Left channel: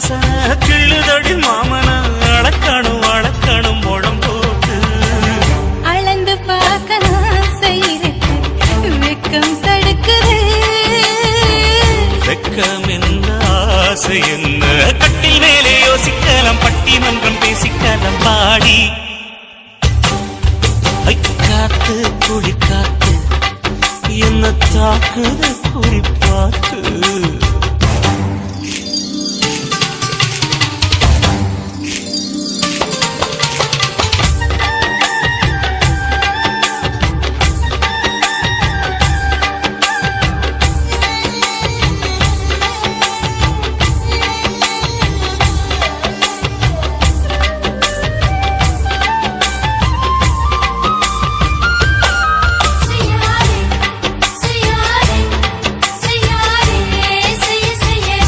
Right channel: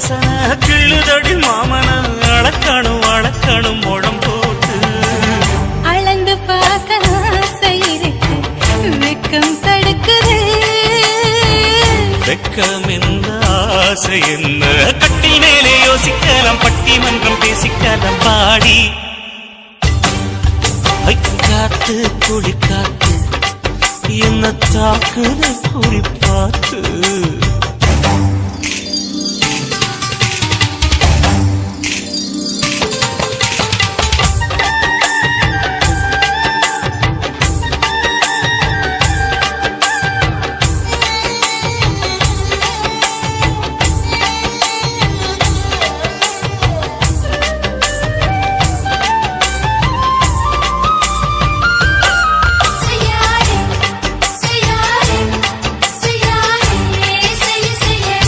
வாசனை கிளிதடி மாமன அடக்கணும் அடக்கணும் உடம் போட்டு அளந்து பார்க்க ஆசை இருக்கு மிக்கும் தடுக்குது வெக்கம் என்ன ஆசை என்ன கட்டில் மேலே யோசிக்கலாம் பட்டி மன்றம் பேசிக்கலாம் பாடி காத்து குடி காத்து என்ன தாக்குது